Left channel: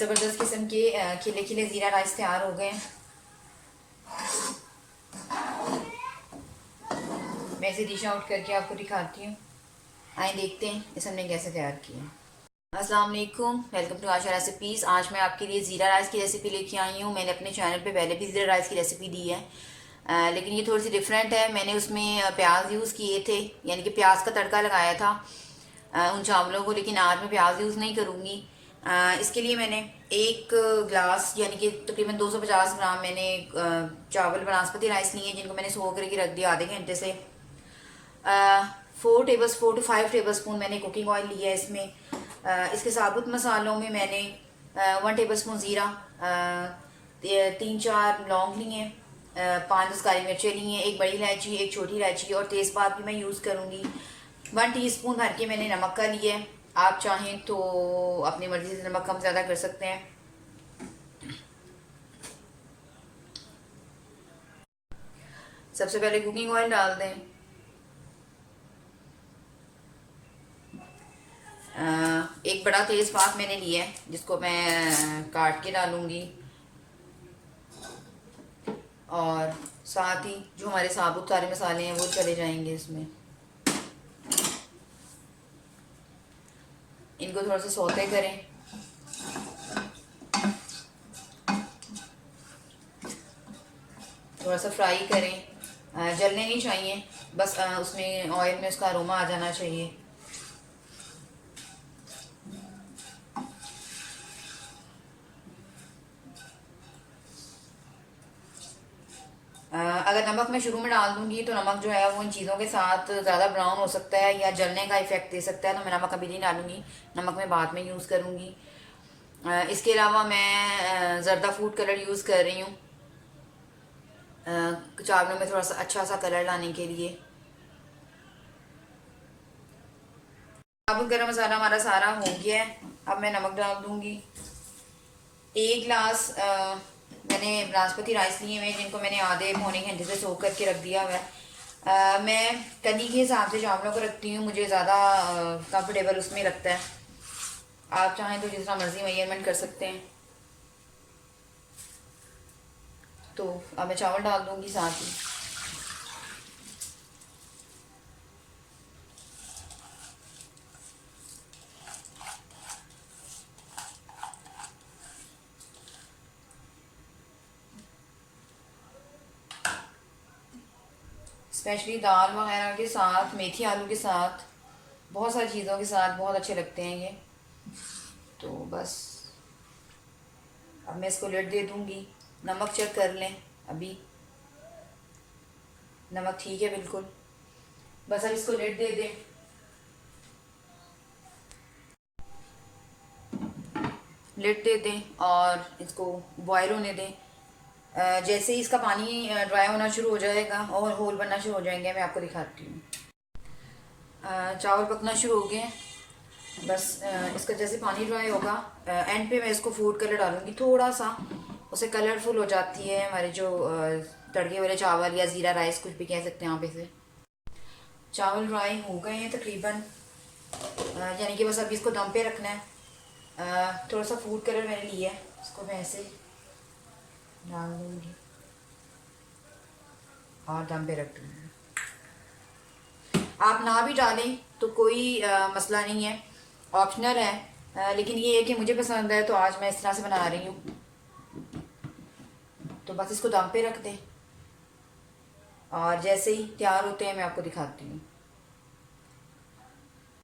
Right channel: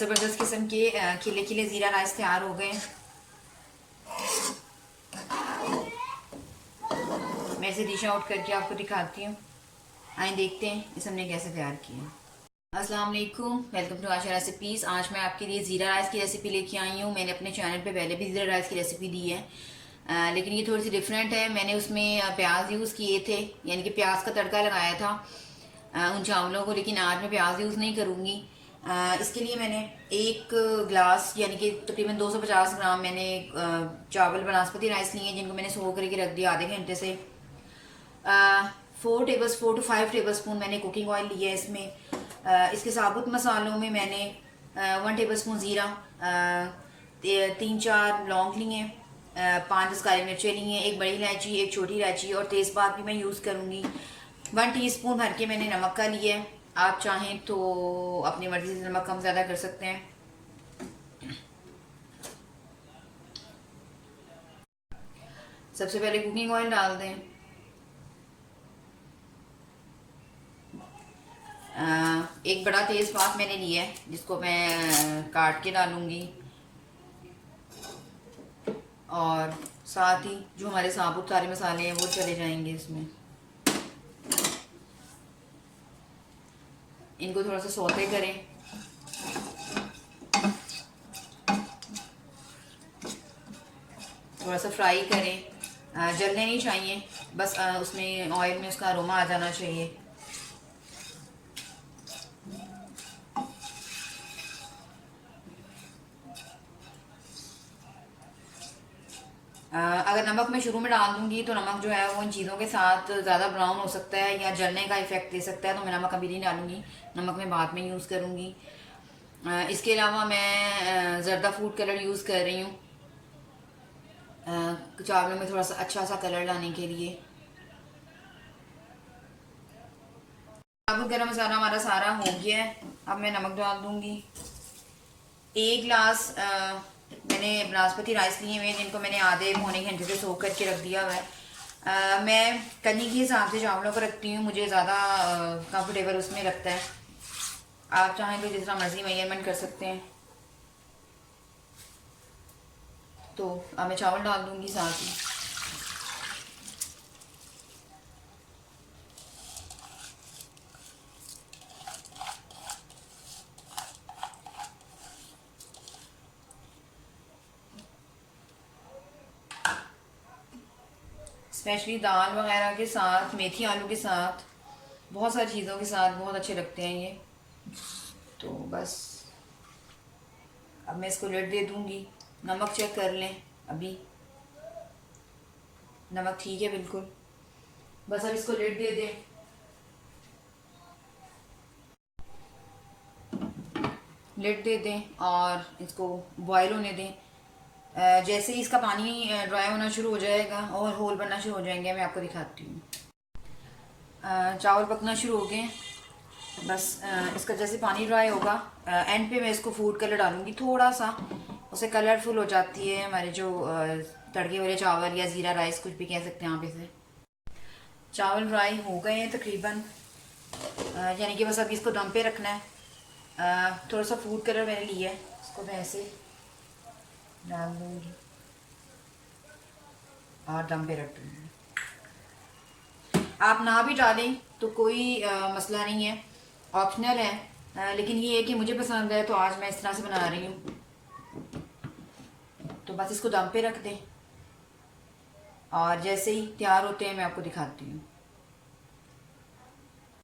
ज़बरदस्त किस्म के खिले खिले ज़ीरा राइस तैयार हो गए हैं। मैं इसे डिश आउट करके आपको दिखाती हूँ। आए देखते हैं इसे हमने कैसे तैयार किया। अस्सलाम वालेकुम, वेलकम टू आशा रेसिपीज़। आज मैं आपके लिए ज़ीरा राइस की रेसिपी लेके आई हूँ। मैंने अपने चैनल पे पहले भी ज़ीरा राइस की रेसिपी दी है, लेकिन ये थोड़ी सी डिफरेंट है। मैंने उसमें प्याज यूज़ किए थे, यानी कि प्याज का तड़का लगाया था उन चावलों को, लेकिन आज मैं प्याज यूज़ नहीं करूँगी। इसके लिए मैंने एक गिलास यानी कि तकरीबन 250 ग्राम मैंने चावल बासमती राइस लिए, जिनको मैंने सो करके रख दिया आधे घंटे से। 4 to 5 टेबल स्पून मैंने कुकिंग ऑयल लिया है इसमें। इसके साबुत मसालों में मैंने 1 टेबल स्पून ज़ीरा, 3-4 लौंग लिए, 5-10 काली मिर्चें ली हैं, एक बड़ी इलायची, एक छोटी इलायची और तेज़पात भी मैं यूज़ करूँगी। 1 टीस्पून भर के मैंने नमक का लिया है। आप चाहें तो अपनी मर्ज़ी से नमक कम ज़्यादा कर सकते हैं। सबसे पहले कुकिंग ऑयल डाल दें। एक बड़ा तेज़पात मैंने लिया है, जिसको मैं काट के डालूंगी, और साथ ही जो हमारे साबुत सारे मसाले हैं वो चले जाएंगे इसमें। इनको थोड़ा सा सौते करें। थोड़ा सा फ्राई करें, जलने नहीं चाहिए, बस उसमें ऑयल में उसका अरोमा आ जाना चाहिए। अगर नमक मैं शुरू में डाल दूंगी तो नमक जो है वो इन चीज़ों के साथ ज़्यादा ब्राउन हो सकता है या जलने का इफेक्ट दे सकता है, तो मैं नमक अभी नहीं डालूंगी। नमक मैं बाद में यूज़ करूंगी। इसके अलावा मैं ज़रदा फूड कलर यूज़ कर रही हूँ चावलों में थोड़ा सा अच्छा सा कलर लाने के लिए। अब गरम मसाला हमारा सारा हो गया है। अब मैं नमक डाल दूंगी। 1 गिलास मैंने बासमती राइस लिए हुए, जिनको मैंने आधे पौने घंटे से सोख करके रख दिया हुआ है। मैं कनी के हिसाब से चावलों को रखती हूँ, मुझे ज़्यादा कंफर्टेबल उसमें लगता है। आप चाहें तो जिस तरह मर्जी मेजरमेंट कर सकते हैं। तो अब मैं चावल डाल दूंगी साथ ही। स्पेशली दाल वगैरह के साथ, मेथी आलू के साथ, बहुत सारी चीज़ों के साथ बहुत अच्छे लगते हैं ये। तो बस अब मैं इसको लिड दे दूंगी। नमक चेक कर लें, अभी नमक ठीक है बिल्कुल। बस अब इसको लिड दे दें। लिड दे दें और इसको बॉयल होने दें। जैसे ही इसका पानी ड्राई होना शुरू हो जाएगा और होल बनना शुरू हो जाएंगे, मैं आपको दिखाती हूँ। चावल पकना शुरू हो गए। बस इसका जैसे पानी ड्राई होगा, एंड पे मैं इसको फूड कलर डालूंगी थोड़ा सा, उसे कलरफुल हो जाती है हमारे जो तड़के वाले चावल या ज़ीरा राइस कुछ भी कह सकते हैं आप इसे। चावल ड्राई हो गए हैं तकरीबन, यानी कि बस अभी इसको दम पे रखना है। थोड़ा सा फूड कलर मैंने लिया है, इसको मैं ऐसे डाल दूँगी और दम पे रख दूँगी। आप ना भी डालें तो कोई मसला नहीं है, ऑप्शनल है, लेकिन ये है कि मुझे पसंद है तो आज मैं इस तरह से बना रही हूँ। तो बस इसको दम पे रख दें और जैसे ही तैयार होते हैं मैं आपको दिखाती हूँ।